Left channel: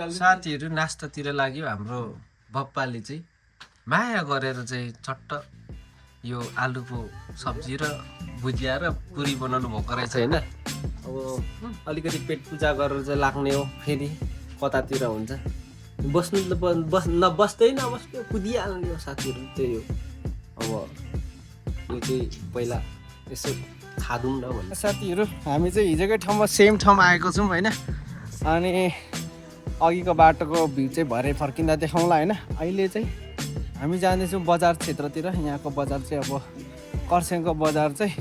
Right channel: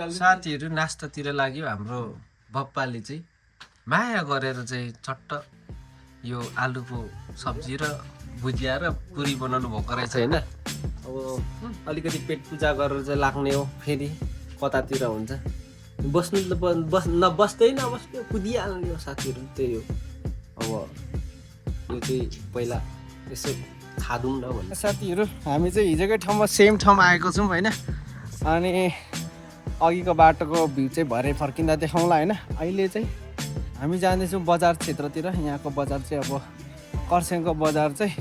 साथीहरू नास्तातिर लाग्यो हाम्रो बप्पाले चाहिँ माया गरेर चाहिँ चट्ट यो आलुको सब्जी र भुजिया र पुरी बनाउनु भएको रहेछ होइन। अब अलिकति पेट पूजा गरेर चाहिँ लाग्ने हो, फेरि कतातिर हुन्छ बस्नु नबस्दै नबस्ने कुदिहाल्ने हो साथीहरू। त्यही हो अब यो चाहिँ पहिला यसो खादौँ न भन्ने। साथीहरू हामी चाहिँ हिजोकै ठाउँमा सेम ठाउँमा आएको छौँ होइन। अनि अघिको बाटोको भ्यू चाहिँ भरे फर्किँदा देखाउँला होइन। अहिले चाहिँ हामी जाँदैछौँ बजार क्षेत्रतिर। यहाँको बजार चाहिँ अब कर्सियङको बजार चाहिँ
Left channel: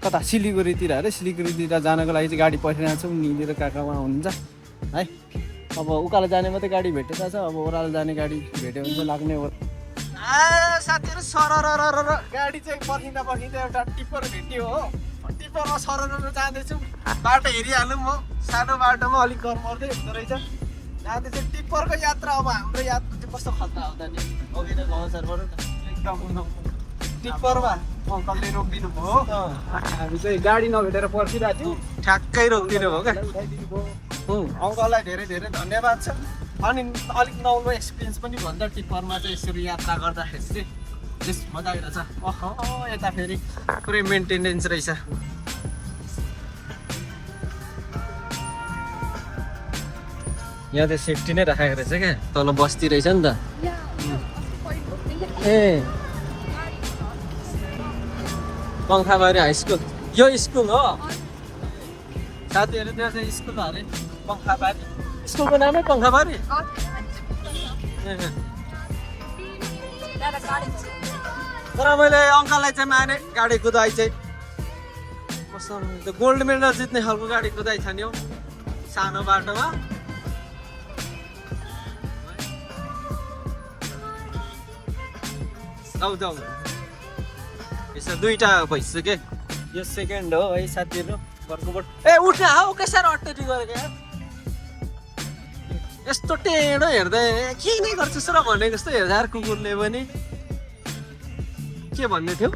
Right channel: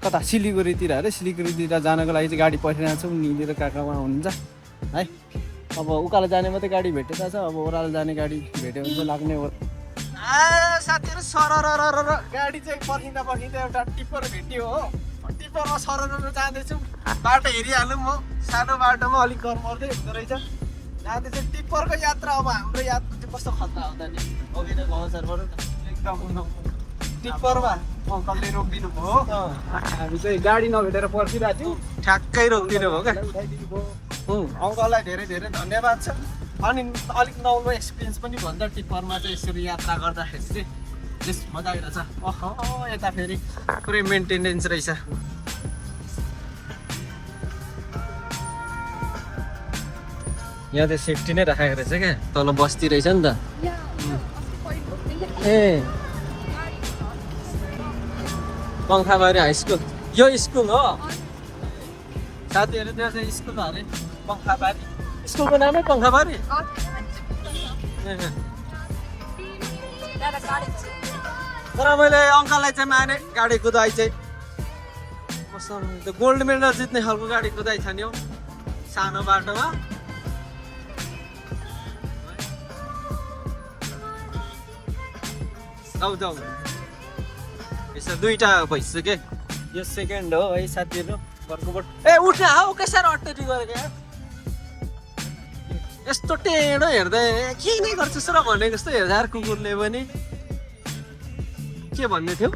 कता सिलिगुडीतिर अरे। सिलिगुडीतिर जानको लागि चाहिँ गाडी परिरहेको छौँ। निलेर काकामा हुनुहुन्छ है। अब उकालो जाने मात्रै गाडी भेटेको छ, अब ओह्रालो जाने गाडी भेट्यो भने चाहिँ लाग्ने हो। साथीहरू सरर गाडी चाहिँ पर्खिँदा एउटा टिप्पर भेट्यो हो। टिप्परमा सरर जाँदैछौँ। बाटो हेरिहालौँ म, सानो बाटोमा अलिक घर पर्दै हुँदो रहेछ। जाँदैछ टिप्परको यात्रा। अब हाम्रो यात्रा चाहिँ कस्तो खतरा हुँदा नि अघि नै गाउँ सरबाट एकदम टिप्परमा अङ्कलले रोकिदिनु भयो। हामी चाहिँ गाडी नभेटेर पर्खिरहेको थियौँ, ठ्याक्कै रोकिदिनु भयो क्या। अङ्कललाई धेरै धेरै धन्यवाद छ। अनि अलिक नौलो एक्सपिरियन्स पनि भन्छ टिप्परमा चाहिँ यसरी यात्रा गर्दाखेरि चाहिँ बेस मजा आइरहेछ। यता फेरि पुरै मेन्टेनेन्स रहेछ। यहाँ चाहिँ सेफ्टी नै राखेको रहेछ क्या, तल बस्ती रहेछ नि त। ए पङ्खाबारी हाई स्कुल यो स्कुल हो साथीहरू। त्यहाँ चाहिँ स्कुल अरे पङ्खाबारी, स्कुलको नामै पङ्खाबारी। तर मैले अङ्कललाई चाहिँ माने गाडी कुदाइ चाहिँ त्यो गोल्ड मेडल जित्ने खालको गाडी कुदाइ छ नि हौ सानो बाटोमा। जाऊ यसो दुईटा भइसक्यो। यो सेकेन्ड हो है साथीहरू घरकोबाट। ए उठ्न हौ कसरी अट्टरी गरेको यार, यस्तो टेढो हेर्दै के नै गर्छस् र भनेको जस्तो हेर्दा कुकुरले पनि। के भन्ने थियो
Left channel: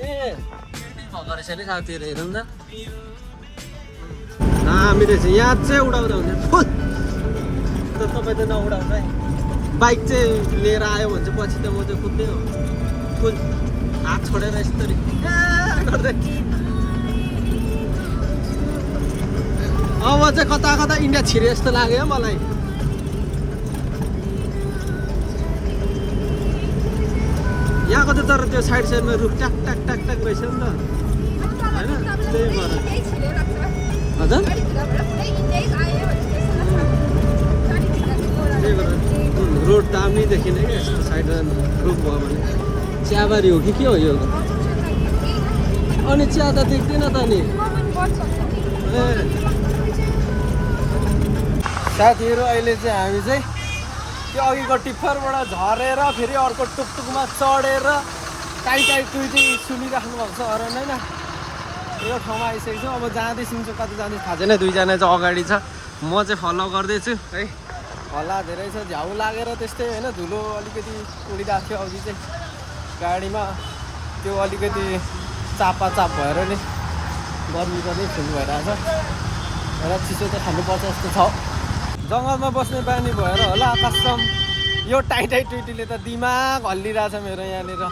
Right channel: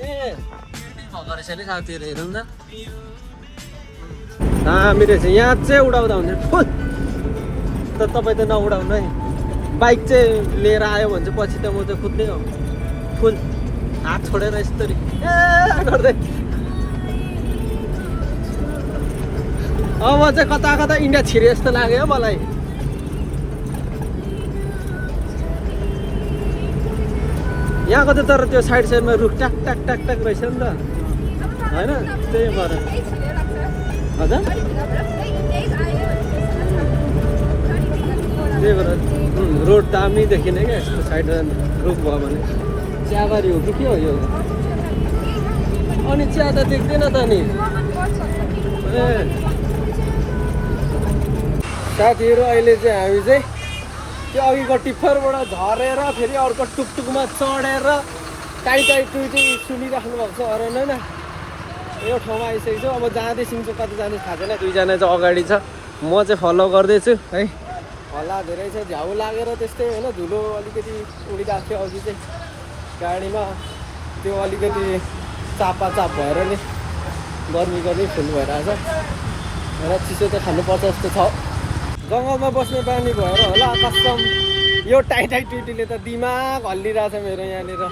ए भएको रहेछ नि साथीहरू, हेरौँ न दामी रहेछ। यहाँ चाहिँ उडाउँदा हुन्छ फुल त, तपाईँ त नउडाउनु है। बाइक चाहिँ लिएर आयो भने चाहिँ पछि त म चाहिँ कुद्दै हो फुल हात छोडेर यस्तरी ए गर्दै। अब चाहिँ कता कता इन्डिया छिरे जस्तो लाग्यो मलाई। यहाँको त तर त्यो साइडमा रुख टाक टाक टाक टाक रहेछ नि त होइन। त्यही भएर हजुर त्यही भएर रोड दामी देखिने क्या यस्तो साइडमा रुख भयो भने। चियाबारी हो कि के हो यो? अनि चिया त देख्दैन त नि। ए साथीहरू अहिले चाहिँ हामी चाहिँ त्यो अघिको टिप्परबाट झरेर फेरि अर्को टुकटुकमा चढेर टाइटाइ टुइटी सुनिराख्नु भएको छ अरे होइन। यो ठाउँमा आइसकेको छु। अब जाँदैछौँ चाहिँ कति जाँदैछ थाहा छैन। दुईजना चाहिँ अगाडि छ, म चाहिँ फलो गर्दैछु है। होला धेरै छ, झ्याउ लागेर त्यस्तै होइन। धुलो अलिकति उडिरहेको थियो अघि चाहिँ गाडीमा, त्यो अलिकति चाप भएर नि गर्मीको नै फुल भइरहेछ र चिसो त खानुपर्छ जस्तो छ। जङ्गलमा बस्ने बानी भएर होला कसम यो टाइटाइ टुइटीले त दिमाग हल्लिरहेछ मेरो यहाँनिर।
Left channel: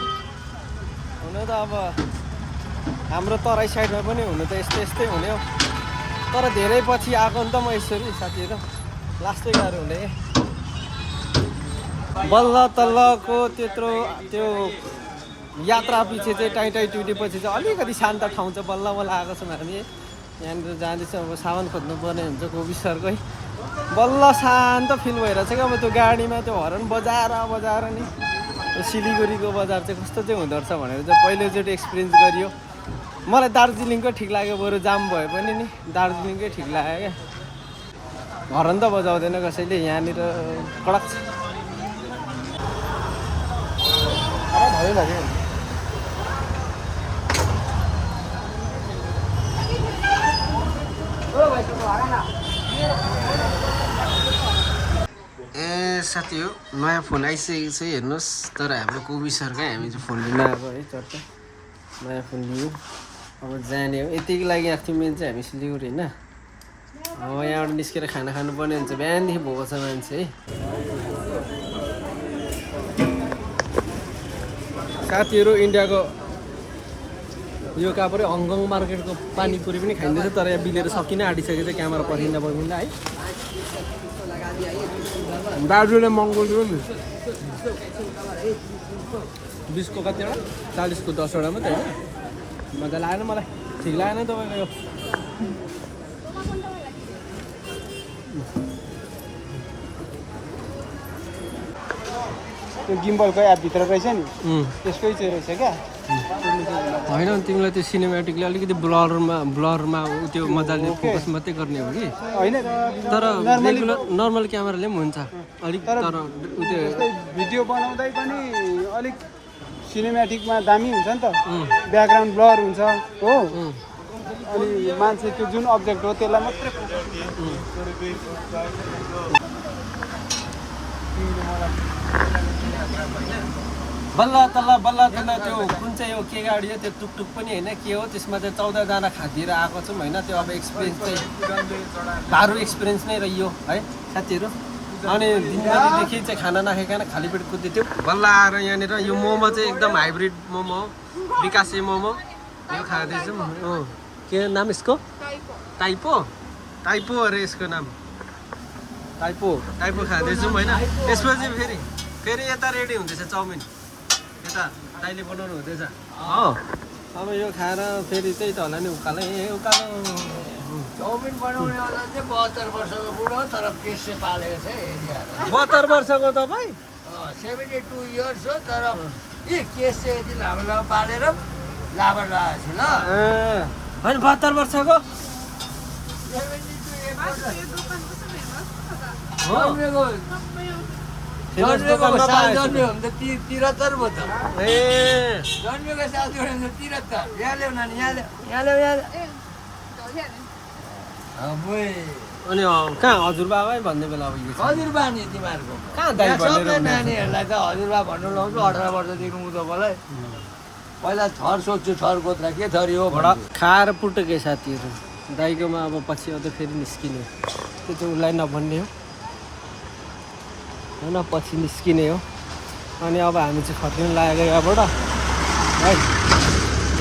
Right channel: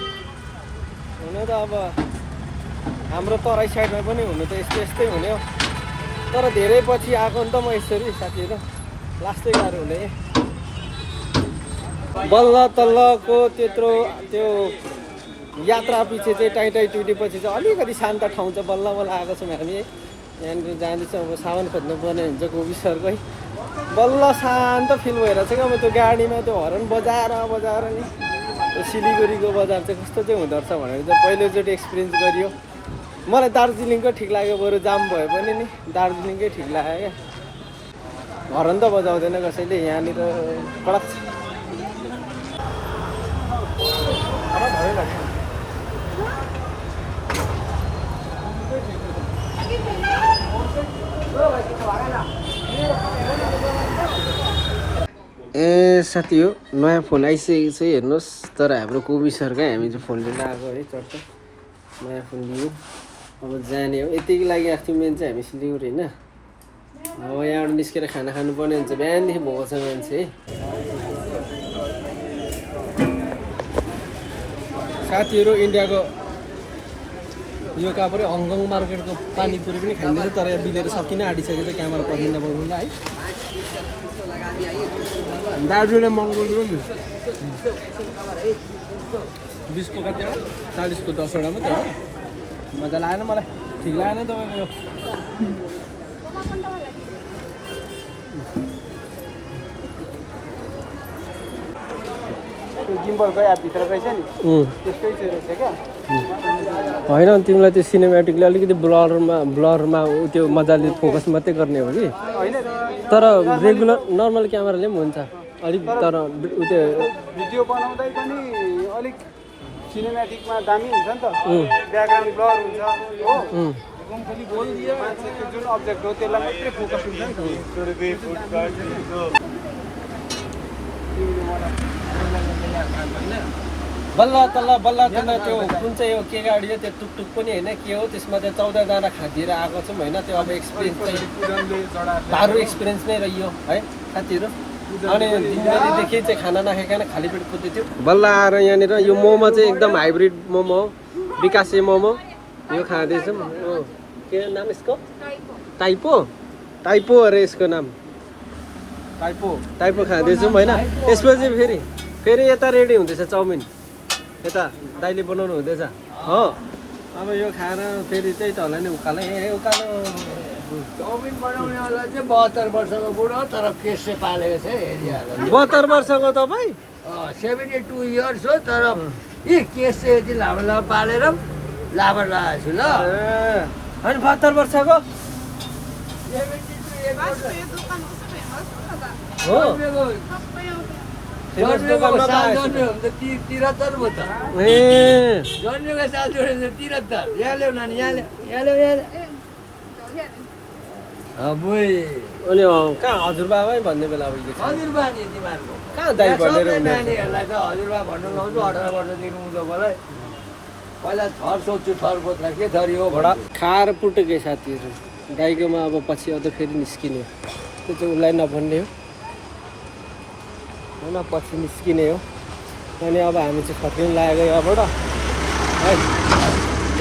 हुन त अब हाम्रो तराई साइडमा पनि हुनु त यस्तै हुने हो, तर धेरै पछि आएको नि त म यसरी साथीहरू। लास्टै गाह्रो हुने बल्ल तल्लको त्यत्रो त्यो यात्रा पछि चाहिँ टाइटाइ टुइटी पछि चाहिँ अलिकति शान्त ठाउँ चाहिँ बल्ल आएको छौँ हामी। यहाँनिर जाँदैछौँ। अब सामान खोज्नु पर्ने हुन्छ कोभिसरकै। बल्ल शान्त फिल भइरहेछ क्या। अब त्यो गाडीमा त्यो हर्न बजाएर नि त्यो सिलिगुडीको बजार चाहिँ कस्तो चाहिँ हुँदो रहेछ भनेर चाहिँ पहिलोचोटि एक्सपिरियन्स गरियो। मलाई दार्जिलिङको ठिक लाग्यो, बरु जाम भए पनि नि दार्जिलिङकै ठिक लाग्यो क्या। हर्न त बजाउँदैन कसैले यहाँनिर कडक छ। ए साथी हो नयाँ फोन आइसकेको छ हेर्नुहोस्। तर हाम्रो कोबी सरकै हामी चाहिँ फोन लिन आएको है। चर्चा नयाँ फोन लियो। अब जाने हो यतिको लागि आएको थियौँ मेन चाहिँ हामी सिलिगुडी होइन। यहाँबाट निस्केर खाना खानुपर्ने हुन्छ बिहानदेखि भोको छ मान्छे है साथीहरू इन्डियाको यो कहाँ पऱ्यो हङकङ मार्केटको पानीपुरी पनि खाइँदैछ तर यहाँ बिलेर सकिन आँटिसकेको छ क्यामेरा पर्खिँदा पर्खिँदा है दाजुले महँगो दियो नि 20 को कतिवटा 40 को 10वटा मात्रै हो मजा लागेन मलाई ठिक लागेन तपाईँको यो त्यो गिम्बलको एपभित्र रहेछ नि त्यसकै चाहिँ रहेछ क्या होइन तिमीलाई त्यो सिनेमेटिकले अलिकति ब्लरमा त्यो मजाले फोकस मात्रै गर्ने हो कि होइन तर रेगुलर नर्मल क्यामेराले पनि हुन्छ अलिक तर त्यो भिडियो बनाउँदै पनि अलिक सिनेमेटिकमा दामी हुन्छ नि त ब्याकग्राउन्ड ब्लर हुन्छ हो अनि मान्छे त्यो जुन अब्जेक्ट हो त्यसलाई मात्रै फोकस हुन्छ बल्ल तल्ल त्यो कुन चाहिँ हो के गाडी हो त्यो टुकटुक पनि होइन के हो त्यसमा चाहिँ 14जना खादिएर आएको छौँ होइन त्यो अब एक्सपिरियन्स चाहिँ गाह्रो एक्सपिरियन्स नै रह्यो है साथीहरू अनि दिनभरिदेखि चाहिँ खाना नखाइकन खाली पेट कुद्दै थियो बल्ल आएर यहाँनिर यो मोमो चाहिँ एकदम हाइब्रिड मोमो हो विकासे मोमो यो खाँदैछौँ के नाम यसको टाइपो अरे यसको नाम टाइपो खाँदैछौँ होइन यसपछि फेरि यता रेडी हुँदैछ चाउमिन यता दाइले बनाउनु हुँदैछ हो अब यो खाएर फेरि त्यही त होला नि उकालो चाउमिन बनाउनेवाला चाहिँ 72 वर्षको बुढो तर केस चाहिँ पालेको छ 72 वर्षको तपाईँ 72 इयर्स हो तर केस चाहिँ यति लामो पालेर लामो लगाएको छु ल होइन 72 वर्षको हो जन्मेको साल जन्मियो भने त 73 भयो त जन्मेको साल जोडेर 73 यहाँ ल्याउ नानी यहाँ ल्याउ अनि कहाँ हजुरबाबा भन्ने बेला अब हजुरबा नि तिमीहरूको कहाँ दाइ भनेर नानीहरूलाई त हजुरबा भन्नु लाउँछु 18 वर्षदेखि उँधोकोलाई पहिला थर सोध्छु थर गोत्र के थरी हो खाएर पुटके साथीहरू दाइकोमा अब पछि अझ फेरि निस्किने त्यो चाहिँ उसलाई नभन्ने हो होइन पछि निस्किने हो अनि अब हामी चाहिँ फर्किनु लागेको यहाँबाट है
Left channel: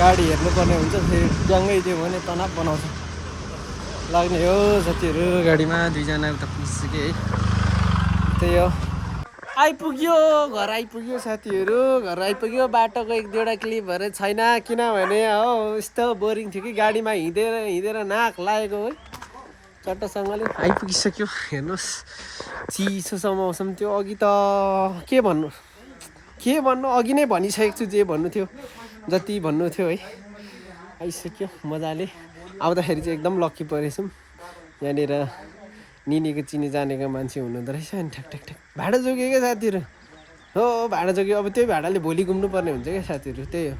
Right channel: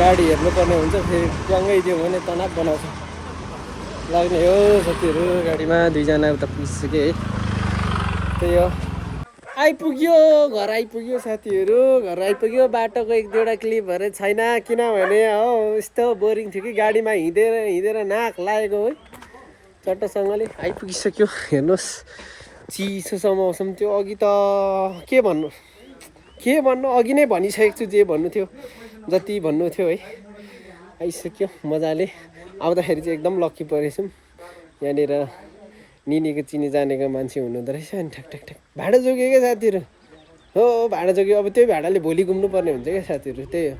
गाडी हेर्नुपर्ने हुन्छ फेरि ट्याङ्गै दियो भने तनाव बनाउँछ लाग्ने हो साथीहरू गाडीमा 2जना उता पुगिसक्यो है त्यही हो आइपुग्यो घर आइपुग्यो साथीहरू घर आइपुग्यो बाटोको 1-2वटा क्लिपहरू छैन किनभने हो यस्तो बोरिङ थियो कि गाडीमा हिँडेर नाक लागेको है चट्टसँगले आइपुगिसक्यो हेर्नुहोस् चिसो छ मौसम त्यो अघि त के भन्नु अघि नै भनिसकेको छु जे भन्नु थियो जति भन्नु थियो है आइसक्यो मजाले आउँदाखेरि चाहिँ एकदम लक्की परेछौँ यहाँनिर निनीको चिनी जानेको मान्छे हुनुहुँदो रहेछ अनि ठ्याक भाडा जोग्यो क्या साथीहरू हो भाडा जोग्यो अब त्यही भाडाले भोलि घुम्नु पर्ने हुन्छ क्या साथीहरू त्यही हो